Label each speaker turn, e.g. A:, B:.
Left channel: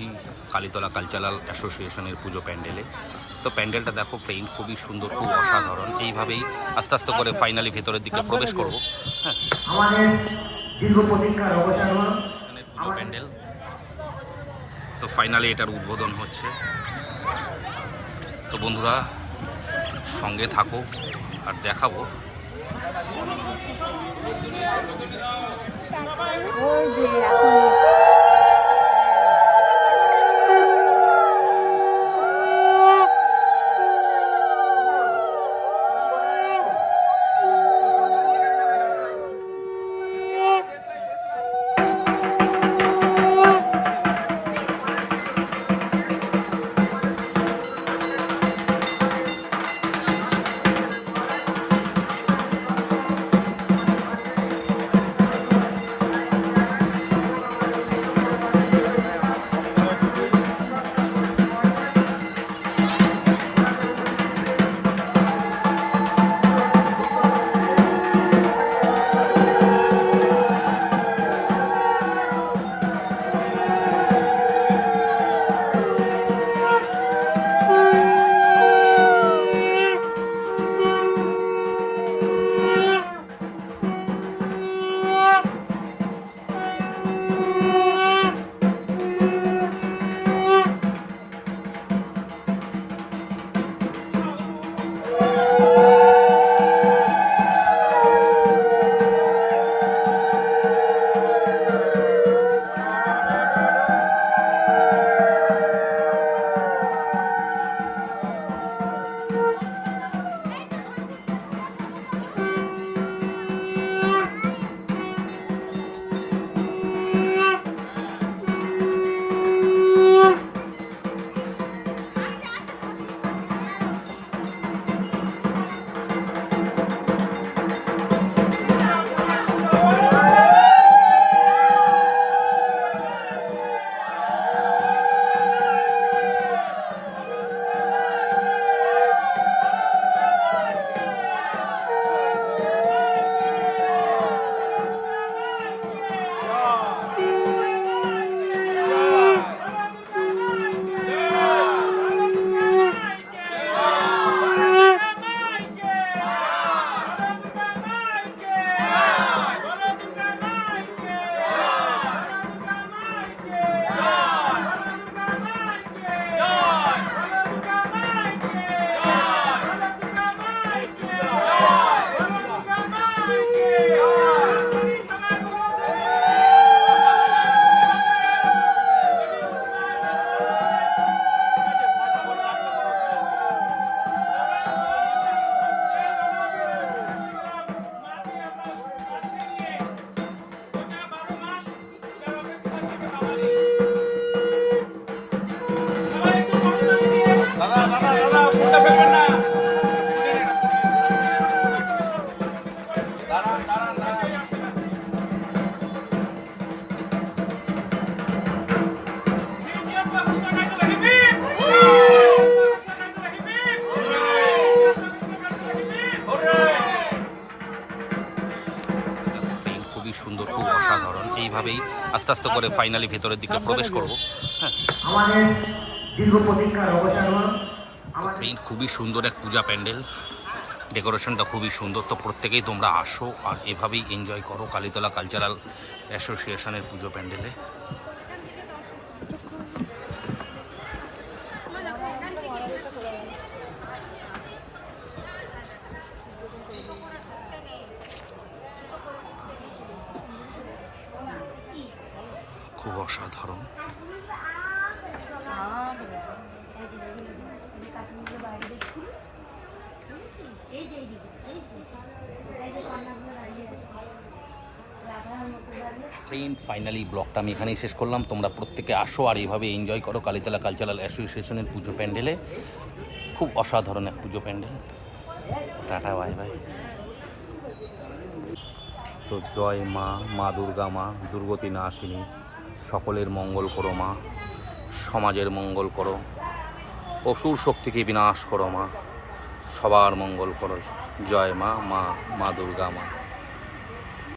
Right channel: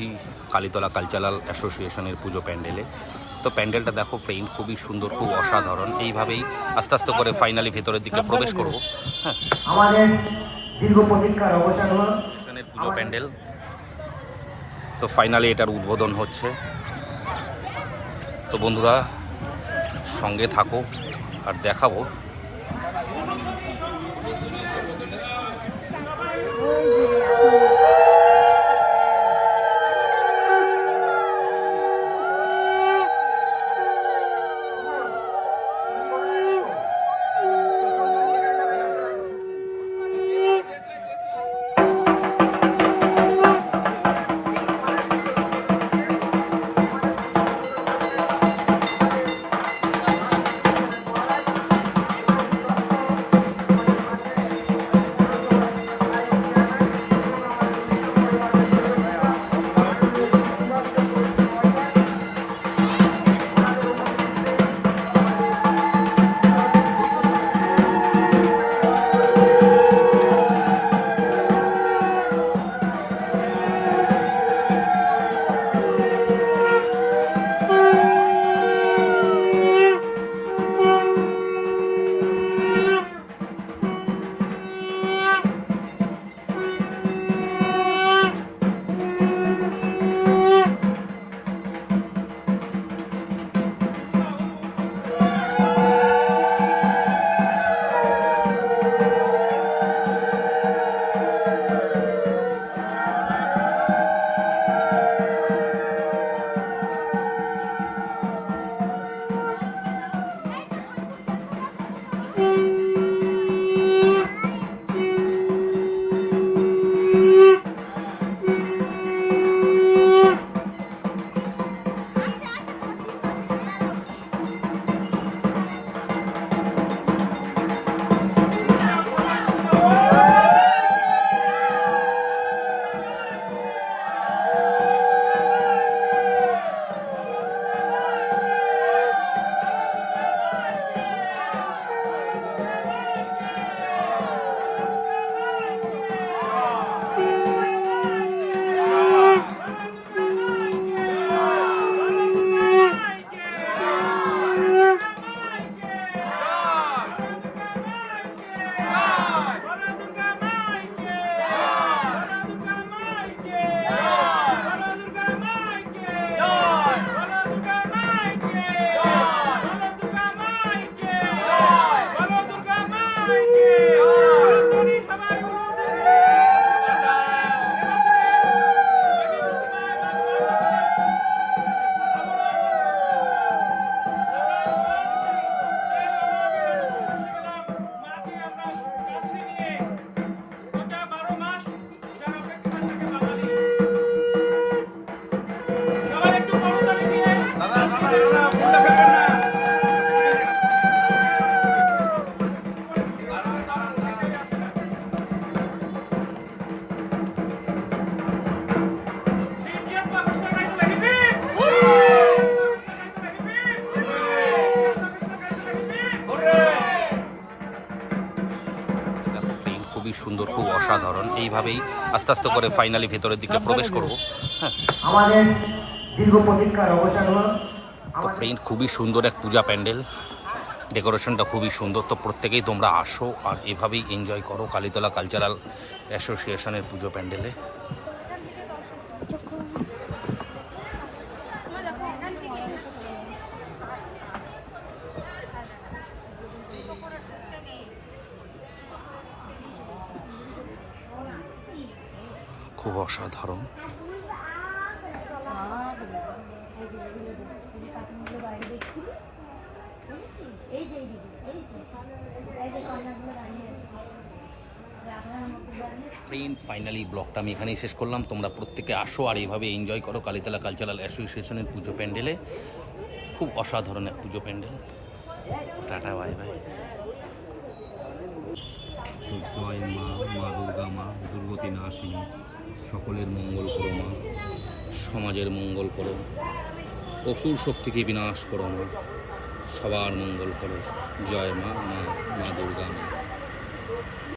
A: রয়েছি কালীতলা কালচারাল অ্যাসোসিয়েশনের পুজো প্যান্ডেলে। তো প্যান্ডেলটা দেখো পেইন্ট খুবই সুন্দর খুব অসাধারণ। এইভাবেই আস্তে আস্তে করে ফাইনালি ভেতরের দিকে প্রবেশ করব। হ্যাঁ।
B: আমাদের দীর্ঘ প্রতীক্ষার অবসান হলো।
A: পুজো প্যান্ডেল। তো ফাইনালি এটার উদ্বোধন হচ্ছে। তো বন্ধুরা সঙ্গে থাকো আর দেখাবো। দেখো অসাধারণ। এইভাবেই আস্তে আস্তে করে ফাইনালি ভেতরের দিকে প্রবেশ করব। হ্যাঁ।
B: আমাদের দীর্ঘ প্রতীক্ষার অবসান
A: তো এই খুবই সুন্দর এক পূজা প্যান্ডেল। ডেকোরেশনটা খুবই সুন্দর। তো প্রত্যেকেই তোমরা আসো আর এভাবেই এনজয় করো কালীতলা কালচারাল অ্যাসোসিয়েশনের পুজো প্যান্ডেলে। খুব অসাধারণ। ট্রেন ফাইনালি ব্লগটা আমি এখানেই শেষ করলাম। তোমরা প্রত্যেকে আসো আর এইভাবে এনজয় করো কালীতলা কালচারাল অ্যাসোসিয়েশনের পুজো প্যান্ডেলে খুব অসাধারণ এক পুজো প্যান্ডেল। টাটা বাই বাই তো জয় মা মা দুর্গা মা দুর্গতি নাশিনী সকলের মঙ্গল করো মা। সমাজের মঙ্গল করো। অসুর শক্তিকে বিনাশ করো মা। সবার মঙ্গল করো। জয় মা মা মা দুর্গা মা।